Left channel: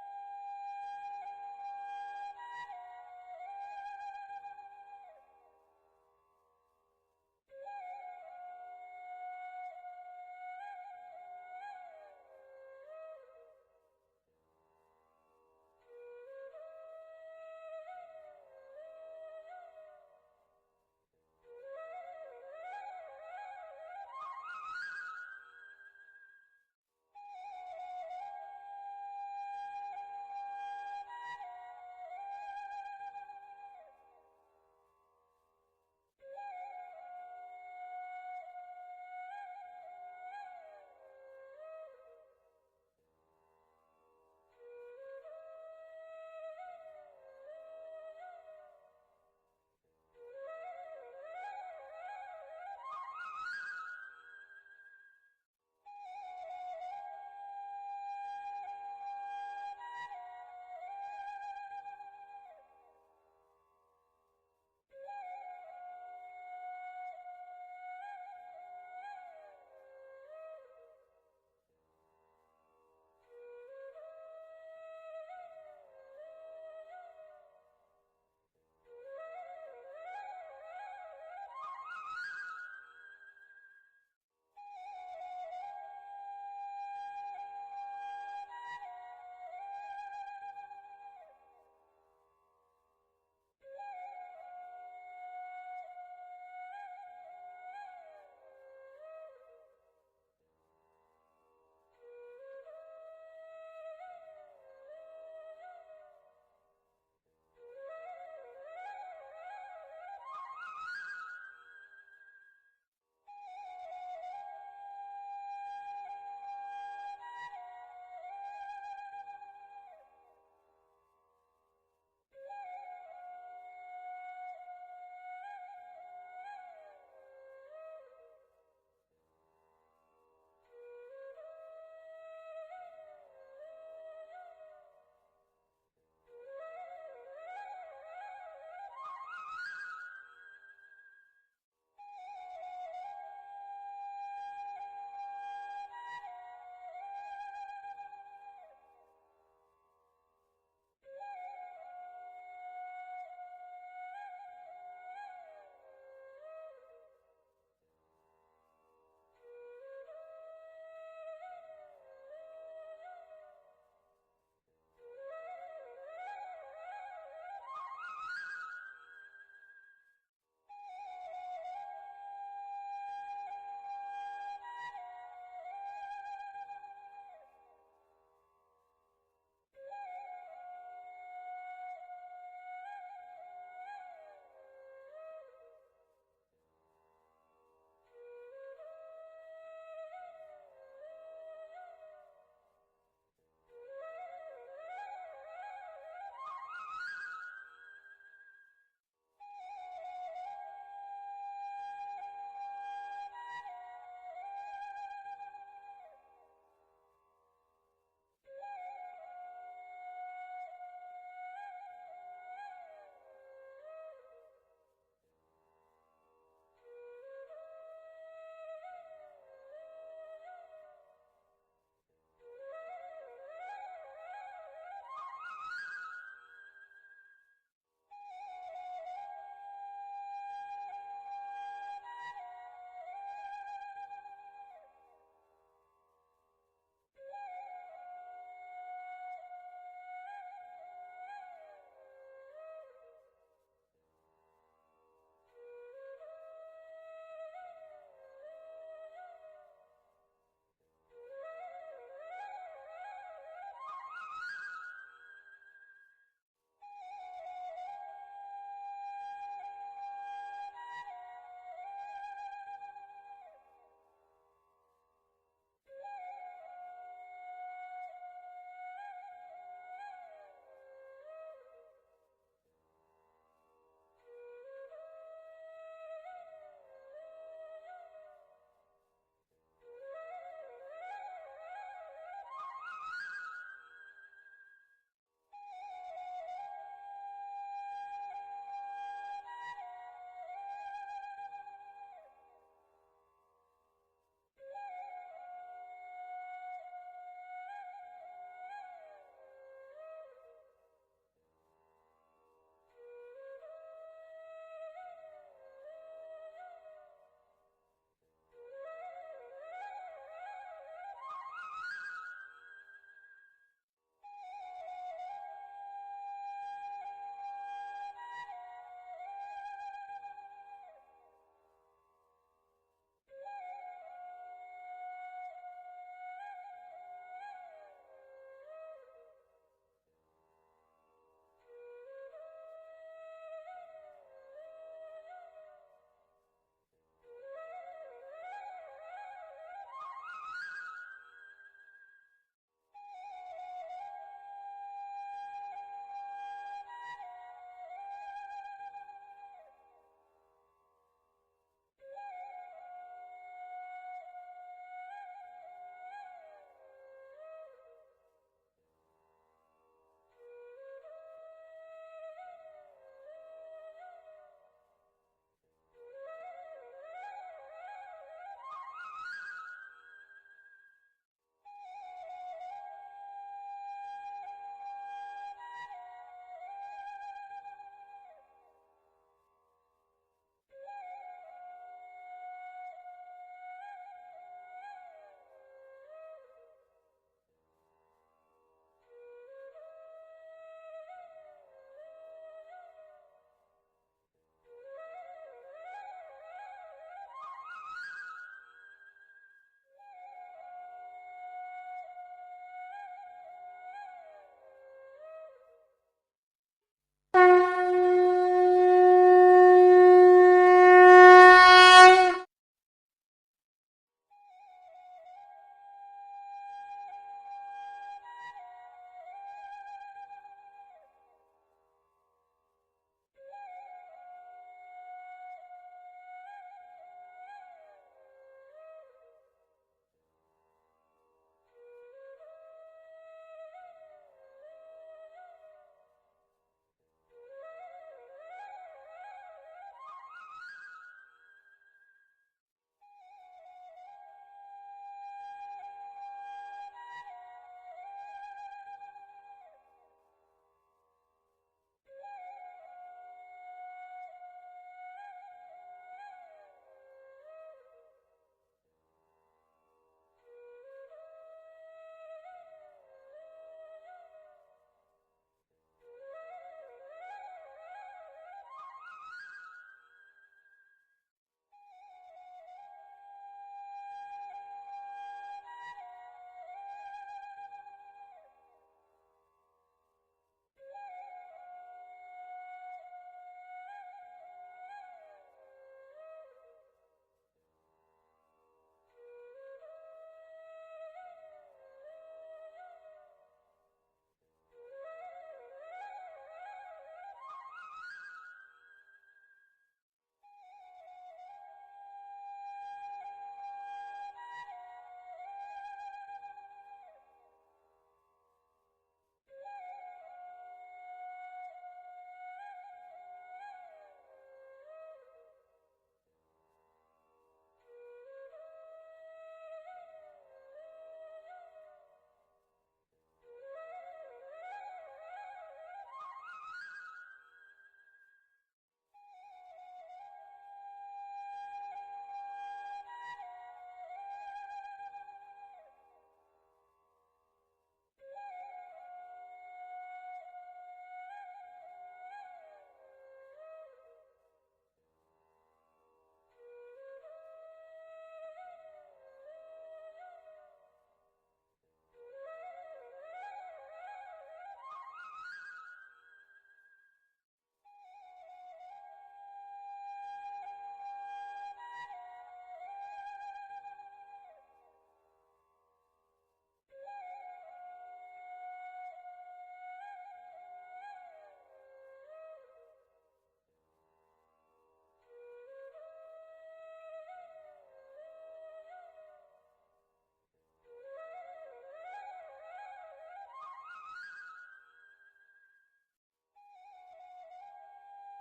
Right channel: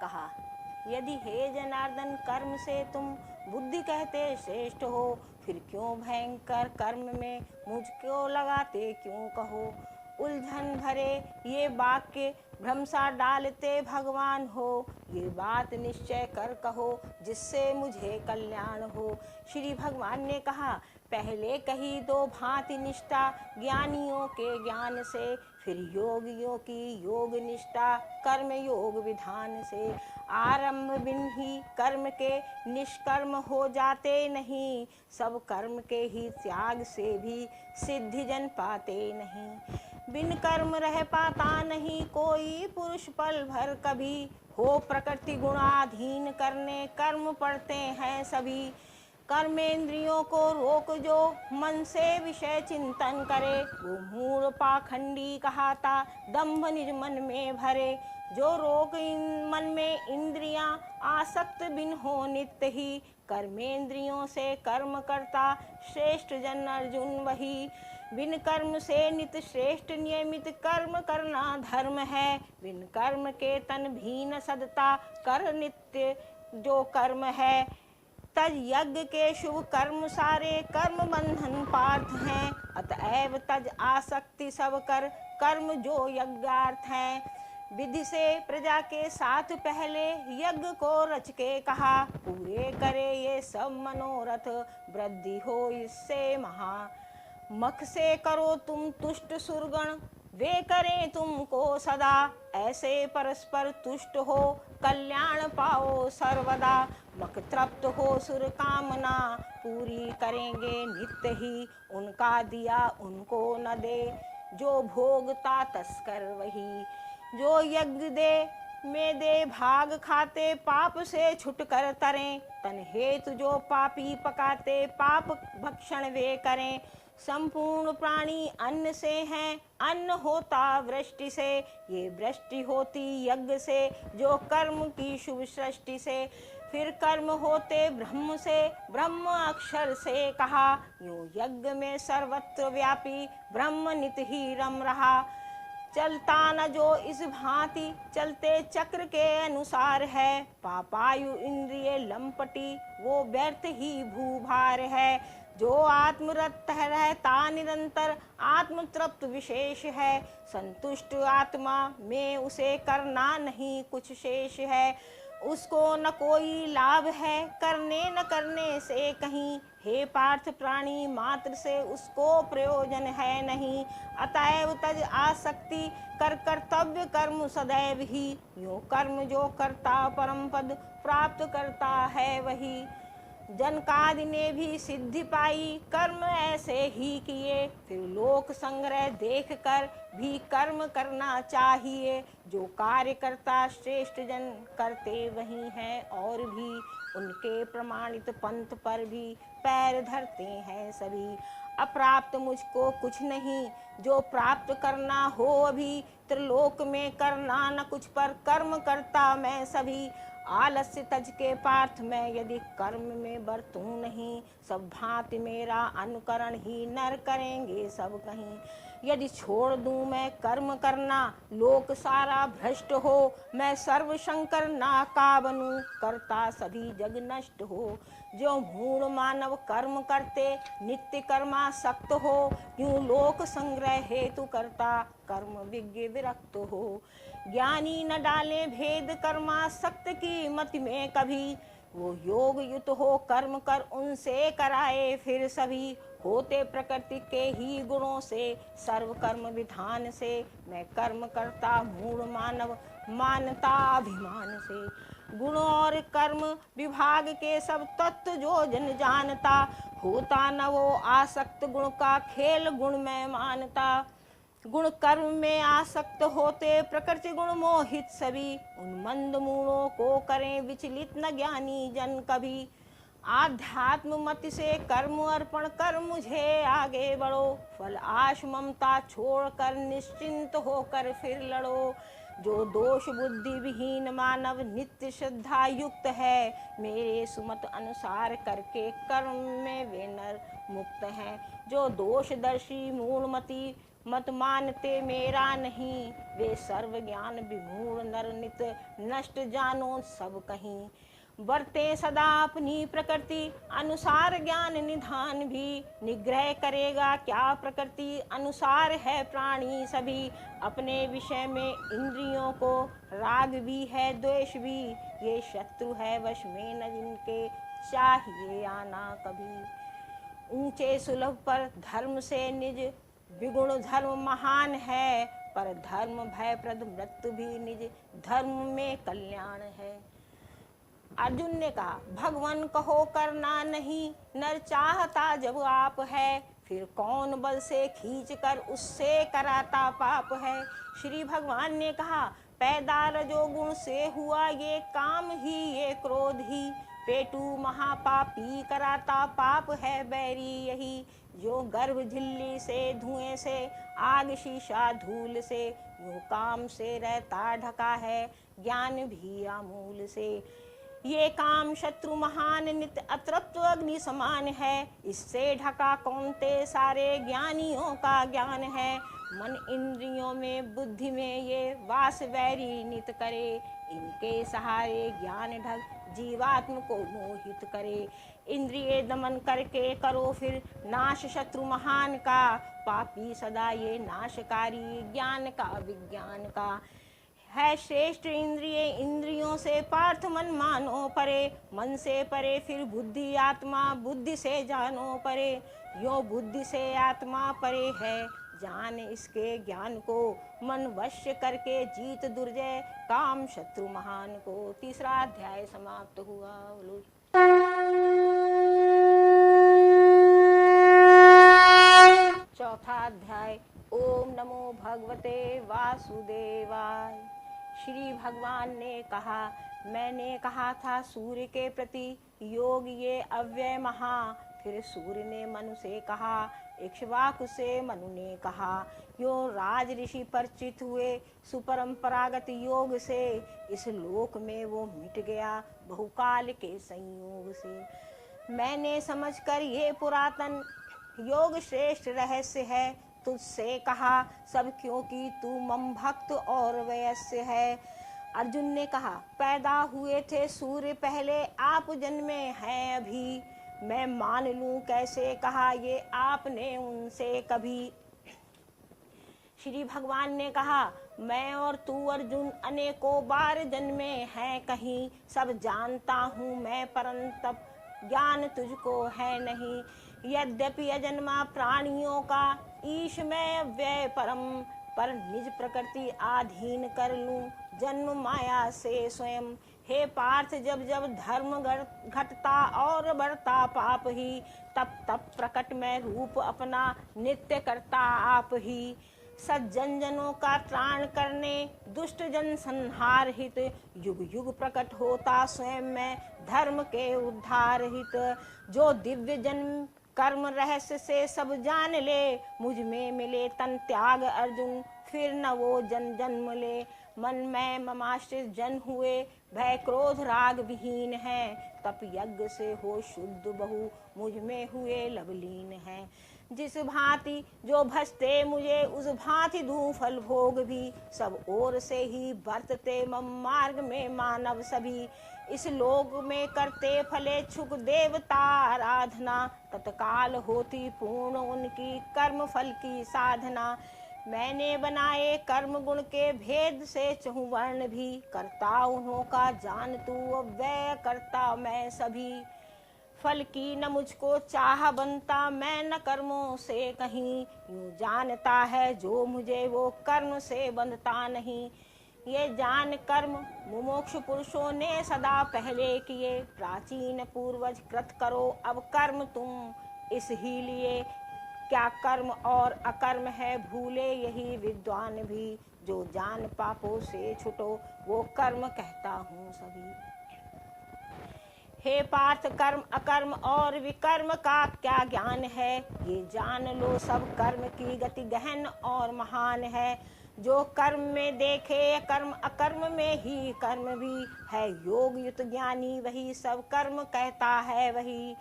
कहा, यदि हे जनार्दन कर्म से तुम बुद्धि कहते श्रेष्ठ हो, फिर क्यों भयंकर कर्म में मुझको लगाते क्यों कहो। उलझन भरे ये वाक्य भ्रम सा डालते भगवान हो, ये बात निश्चय कर कहो जिससे मुझे कल्याण हो। श्री भगवान ने कहा, पहले कही दो भांति निष्ठा ज्ञानियों के ज्ञान से, फिर योगियों की योग निष्ठा कर्म योग विधान से। आरंभ बिन ही कर्म के निष्कर्म हो जाते नहीं, सब कर्म के ही त्याग से भी सिद्धि जन पाते नहीं। बिन कर्म रह पाता नहीं कोई पुरुष पल भर कभी, हो प्रकृति गुणाधीन करने कर्म पड़ते हैं सभी। कर्मेंद्रियों को रोक जो मन से विषय चिंतन करे, वो मूढ़ पाखंडी कहाता दंभ निज मन में भरे। जो रोक मन में इंद्रियां आसक्त बिन हो नित्य ही, कर्मेंद्रियों से कर्म करता श्रेष्ठ जन अर्जुन वही। बिन कर्म से नित श्रेष्ठ नियमित कर्म करना धर्म है, बिन कर्म के तन भी न सदता कर नित्य जो कर्म है। तज यज्ञ के शुभ कर्म सारे कर्म बंधन पार्थ हैं, अतएव तज आसक्ति सब कर कर्म जो यज्ञार्थ हैं। विधि से प्रजा के साथ पहले यज्ञ को रच के कहा, पूरे करे ये सब मनोरथ वृद्धि हो इससे महा। मख से करो तुम तुष्ट सुरगण, वे करें तुमको सदा, ऐसे परस्पर तुष्ट हो कल्याण पाओ सर्वदा। मख तृप्त हो सुर कामना, पूरी करेंगे नित्य ही, उनका दिया उनको न दे जो भोगता तस्कर वही। जो यज्ञ दे में दे भाग खाते पाप से छुट कर तरें, तन हेतु जो पापी पकाते पाप भक्षण वे करें। संपूर्ण प्राणी अन्न से हैं, अन्न होता वृष्टि से, ये वृष्टि होती यज्ञ से जो कर्म की शुभ सृष्टि से। फिर कर्म होते ब्रह्म से, ब्रह्म अक्षर से कहा, यूं यज्ञ में सर्वत्र व्यापी ब्रह्म नित ही रम रहा। चलता न जो इस भांति चलते चक्र के अनुसार है, पापायु इंद्रिय लंपटी वो व्यर्थ ही भूभार है। जो आत्मरत रहता निरंतर आत्म तृप्त विशेष है, संतुष्ट आत्मा में उसे करना नहीं कुछ शेष है। उसको न कोई लाभ है करने न करने से कहीं, हे पार्थ प्राणी मात्र से उसको प्रयोजन है नहीं। अतएव तज आसक्ति कर कर्तव्य कर्म सदैव ही, यूं कर्म जो करता परम पद प्राप्त करता है वही। जनकादि ने भी सिद्धि पाई कर्म ऐसे ही किए, फिर लोक संग्रह देख कर भी कर्म करना चाहिए। जो कार्य करता श्रेष्ठ जन करते वही हैं और भी, उनके प्रमाणित पंथ पर भी पैर धरते हैं सभी। अप्राप्त मुझको कुछ नहीं जो प्राप्त करना हो अभी, त्रिलोक में करना न कुछ पर कर्म करता मैं सभी। आलस्य तज के पार्थ मैं यदि कर्म में बरतूं नहीं, सब भांति मेरा अनुकरण ही नर करेंगे सब कहीं। यदि छोड़ दूं मैं कर्म करना लोक सारा भ्रष्ट हो, मैं सर्व शंकर ना का बनूं करता सभी जग नष्ट हो। जो मूढ़ मानव कर्म करते नित्य कर्मासक्त हो, यूं लोक संग्रह हेतु करता कर्म विज्ञ विरक्त हो। ज्ञानी न डाले भेद कर्मासक्त की मति में कभी, वो योग युत हो कर्म कर उनसे कराए फिर सभी। होते प्रकृति के ही गुणों से सर्व कर्म विधान से, मैं कर्म करता मूढ़ मानव मानता अभिमान से। गुण और कर्म विभाग के सब तत्व जो जन जानता, होता न वो आसक्त गुण का खेल गुण में मानता। गुण कर्म में आसक्त होते प्रकृति गुण मोहित सभी, उन मंद मूढ़ों को करें विचलित न ज्ञानी जन कभी। आध्यात्म मति से कर्म अर्पण कर मुझे आगे बढ़ो, फल आश ममता छोड़कर निश्चिंत होकर फिर लड़ो। जो दोष बुद्धि विहीन मानव नित्य श्रद्धा युक्त है, मेरे सुमत अनुसार करके कर्म में वे नर मुक्त हैं। जो दोषदर्शी मूढ़मति मत मानते मेरा नहीं, वे सर्व ज्ञान विमूढ़ नर नित नष्ट जानो सब कहीं। बरते सदा अपनी प्रकृति अनुसार ज्ञान निधान भी, निग्रह करेगा क्या प्रकृति अनुसार है प्राणी सभी। अपने विषय में इंद्रियों को राग भी है द्वेष भी, ये शत्रु है वश में न जिनके चाहिए आना कभी। ऊंचे सुलभ पर धर्म से निज विगुण धर्म महान है, पर धर्म भयप्रद मृत्यु भी निज धर्म में कल्याण है। अर्जुन ने कहा, भगवान कहो करना नहीं, नर चाहता जब आप है, फिर कौन बल से खींच कर उससे कराता पाप है। श्री भगवान ने कहा, पैदा रजोगुण से हुआ ये काम ही ये क्रोध ही, पेटू महापापी कराता पाप है बैरी यही। जो गर्भ झिल्ली से धुएं से आग शीशा धूल से, यूं काम से रहता ढका है ज्ञान भी आमूल से। ये काम शत्रु महान नित्य अतृप्त अग्नि समान है, इससे ढका कौनते सारे ज्ञानियों का ज्ञान है। मन इंद्रियों में बुद्धि में ये वास वैरी नित करे, इनके सहारे ज्ञान ढक जीवात्म को मोहित करे। इंद्रिय दमन करके करो फिर नाश शत्रु महान का, पापी सदा ये नाशकारी ज्ञान का विज्ञान का है। श्रेष्ठ इंद्रिय इंद्रियों से पार्थ मन मानो परे, मन से परे फिर बुद्धि आत्मा बुद्धि से जानो परे। यो बुद्धि से आत्मा परे है, जान इसके ज्ञान को, मन वश्य करके जीत दुर्जय काम शत्रु महान को। तीसरा अध्याय समाप्त हुआ। चौथा अध्याय। ओम नमो भगवते वासुदेवाय। श्री भगवान ने कहा, मैंने कहा था सूर्य के प्रति योग ये अव्यय महा, फिर सूर्य ने मनु से कहा, इक्ष्वाकु से मनु ने कहा। यो राज ऋषि परिचित हुए सुपरंपरागत योग से, इस लोक में वो मिट गया बहुकाल के संयोग से। मैंने समझकर ये पुरातन योग श्रेष्ठ रहस्य है तुझसे कहा, सब क्योंकि तू मम भक्त और वयस्य है। अर्जुन ने कहा, पैदा हुए थे सूर्य पहले आप जन्मे हैं अभी, मैं मान लूं कैसे कहा ये आपने उनसे कभी। श्री भगवान ने कहा, मैं और तू अर्जुन अनेकों बार जन्मे हैं कहीं, सब जानता हूँ मैं परंतप ज्ञान तुझको है नहीं। यद्यपि अजन्मा प्राणियों का ईश मैं व्यय परम, पर निज प्रकृति आधीन कर लूं जन्म माया से स्वयं। हे पार्थ जब जब धर्म घटता और बढ़ता पाप ही, तब तब प्रकट में रूप अपना नित्य करता आप ही। सज्जन जनों का त्राण करने दुष्ट जन संहार हित, युग युग प्रकट होता स्वयं में धर्म के उद्धार हित। जो दिव्य जन्म कर्म रहस्य से सब जान ले, मुझ में मिले तन त्याग अर्जुन फिर न वो जन्म ले। मन में ममाश्रित जन हुए भय क्रोध राग विहीन है, तप यज्ञ से हो शुद्ध बहु मुझ में हुए लवलीन है। जिस भांति जो भजते मुझे उस भांति दूं फल भोग भी, सब ओर से ही बरतते मम मार्ग में मानव सभी। इस लोक में करते फले छुक देवता आराधना, तत्काल होती पूर्ण उनकी कर्म फल की साधना। मैंने बनाए कर्म गुण के भेद से चहुवर्ण भी, करता उन्हों का जान तू अव्यय करता मैं सभी। फल की न मुझको चाह बनता मैं न कर्मों से कहीं, यूं जानता है जो मुझे वो कर्म से बंधता नहीं। ये जान कर्म मुमुक्ष पुरुषों ने सदा पहले किए, प्राचीन पूर्वज कृत करो अब कर्म तुम इस ही लिए। क्या कर्म और अकर्म है भूले यही विद्वान भी, जो जान पापों से छुटो वो कर्म कहता हूँ सभी। हे पार्थ, कर्म अकर्म और विकर्म का क्या ज्ञान है? ये जान लो सब कर्म की गति गहन और महान है। जो कर्म में देखे कर्म अकर्म में ही कर्म भी है। योग युक्त ज्ञानी वही सब कर्म कहता है वही।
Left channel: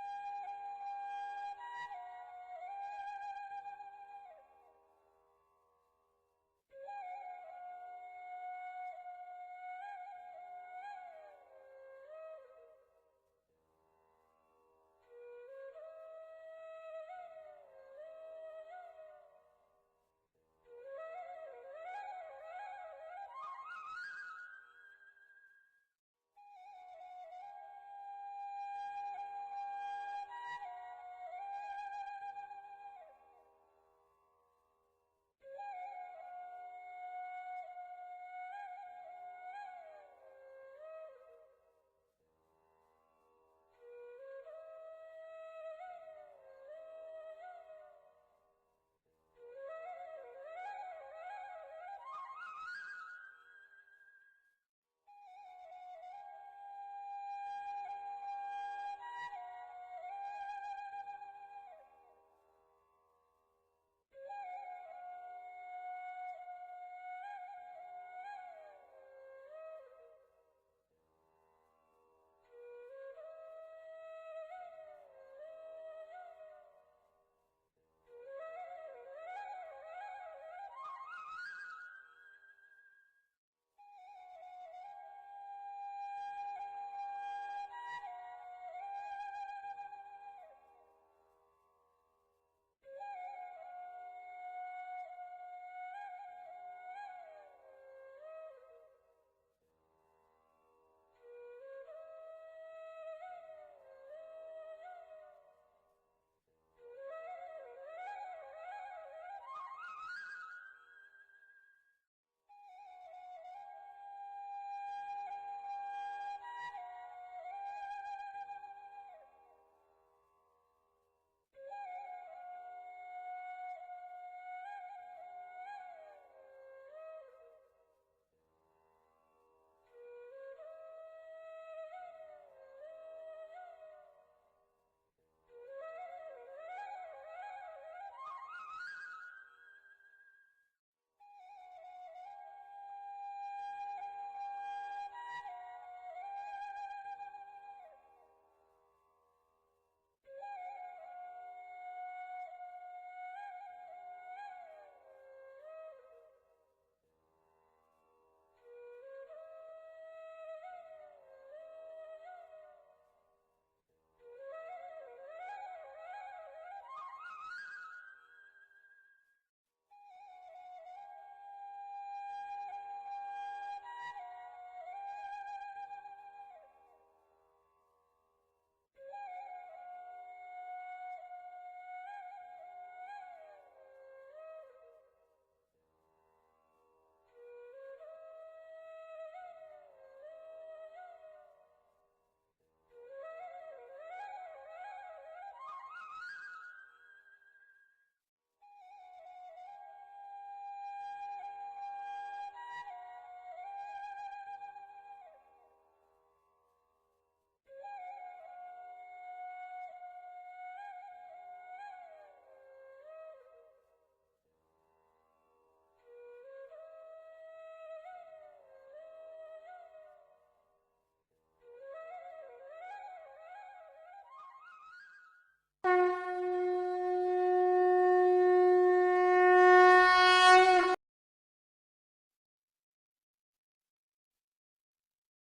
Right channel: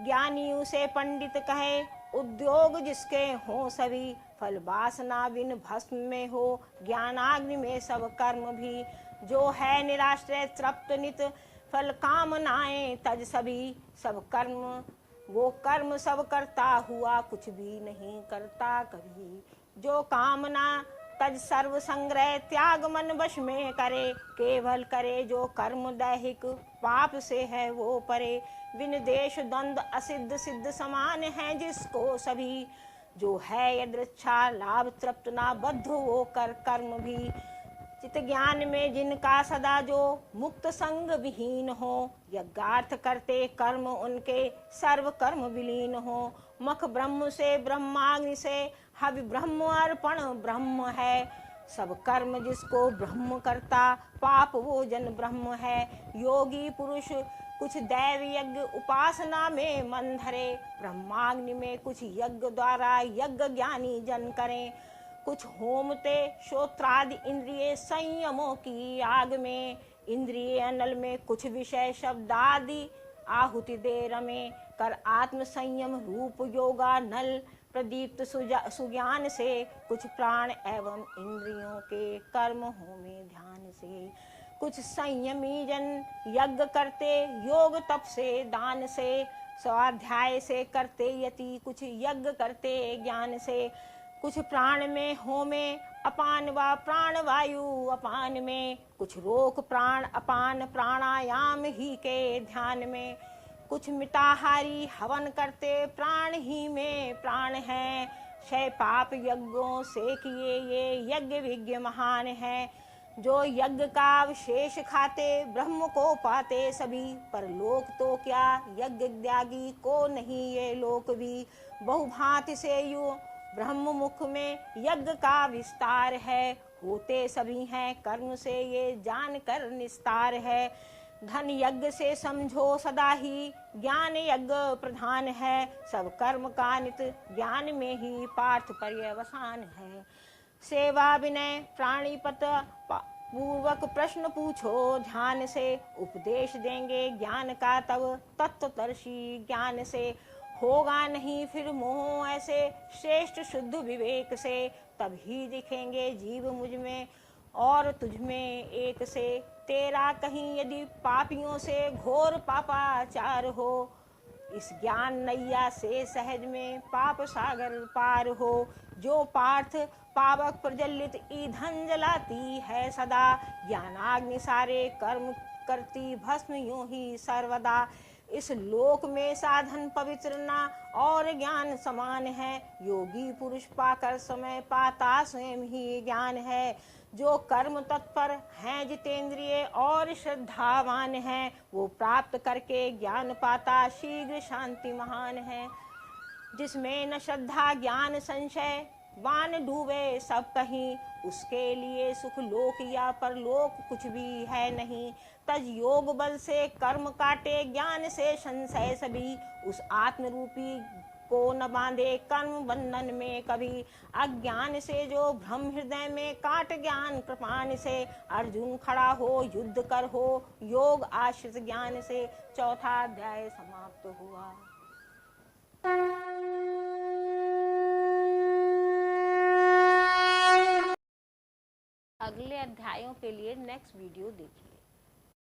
ज्ञानी उसे पंडित कहे, उद्योग जिसके हों सभी। फल वासना बिन भस्म में हो, ज्ञानाग्नि में सब कर्म भी। जो है निराश्रय तृप्त नित, फल कामनाएं तज सभी। सब कर्म वो कर्म सब करता हुआ, कुछ भी नहीं करता कभी। जो कामना तज सर्व संग्रह, त्याग मन वश में करे। केवल करे जो कर्म दैहिक, पाप से है वो परे। बिन देश द्वंद्व असिद्ध सिद्ध समान है जिसको सभी। जो है यदृच्छा लाभ तृप्त ना बद्ध वो कर कर्म भी। चित ज्ञान में जिनका सदा जो, मुक्त संग विहीन हो। यज्ञार्थ करते कर्म उनके, सर्व कर्म विलीन हो। मख ब्रह्म से ब्रह्माग्नि से, हवि ब्रह्म अर्पण ब्रह्म है। सब कर्म जिसको ब्रह्म करता, पाप वो जन ब्रह्म है। योगी पुरुष कुछ दैव यज्ञ उपासना में मन धरे। ब्रह्माग्नि में कुछ यज्ञ द्वारा यज्ञ ज्ञानी जन करें। कुछ होमते श्रोत्रादि इंद्रिय संयमों की आग में। इंद्रिय अनल में कुछ विषय शब्दादि आहुति दे रमे। कर आत्म संयम रूप योगा नल, प्रदीप्त सुज्ञान से। कुछ प्राण एवं इंद्रियों के कर्म होमे ध्यान से। कुछ संयमी जन यज्ञ करते, योग तप से दान से। स्वाध्याय से करते यति, कुछ यज्ञ करते ज्ञान से। कुछ प्राण में होमे अपान व प्राण वायु अपान में। कुछ रोक प्राण अपान प्राणायाम ही के ध्यान में। कुछ मिताहारी हवन करते, प्राण ही में प्राण है। क्षय पाप यज्ञों से किए ये यज्ञ विज्ञ महान है। जो यज्ञ का अवशेष खाते, ब्रह्म को पाते सभी। पर लोक तो क्या यज्ञ त्यागी को नहीं ये लोक भी। बहुभांति से यु ब्रह्म मुख में यज्ञ का विस्तार है। होते सभी हैं कर्म से ये जान कर निस्तार है। धन यज्ञ से समझो सदा ही, ज्ञान यज्ञ प्रधान है। सब कर्म का नित ज्ञान में ही पार्थ पर्यवसान है। सेवा विनय प्राणीपत पूर्वक प्रश्न पूछो ध्यान से। उपदेश देंगे ज्ञान का तब तत्वदर्शी ज्ञान से। होगा नहीं फिर मोह ऐसे, श्रेष्ठ शुद्ध विवेक से। तब ही दिखेंगे जीव मुझ में और तुझ में एक से। तेरा कहीं यदि पापियों से घोर पापाचार हो, इस ज्ञान नैया से सहज में पाप सागर पार हो। जो पार्थ पावक प्रज्वलित ईंधन जलाती है सदा। ज्ञानाग्नि सारे कर्म करती भस्म यूं ही सर्वदा। इस लोक में साधन पवित्र ना और ज्ञान समान है। योगी पुरुष पाकर समय पाता स्वयं ही ज्ञान है। जो कर्म तत्पर हैं जितेंद्रिय और श्रद्धावान है, वो प्राप्त करके ज्ञान पाता शीघ्र शांति महान है। जिसमें न श्रद्धा ज्ञान संशय, वान डूबे सब कहीं। उसके लिए सुख लोक या परलोक कुछ भी है नहीं। तज योग बल से कर्म काटे, ज्ञान से संशय सभी। उस आत्म रूपी को न बांधे कर्म बंधन में कभी। अज्ञान से जो भ्रम हृदय में काट ज्ञान कृपान से। अर्जुन खड़ा हो युद्ध कर हो, योग आश्रित ज्ञान से। चौथा अध्याय समाप्त हुआ। अगले अध्यायों के लिए नेक्स्ट वीडियो देखिए।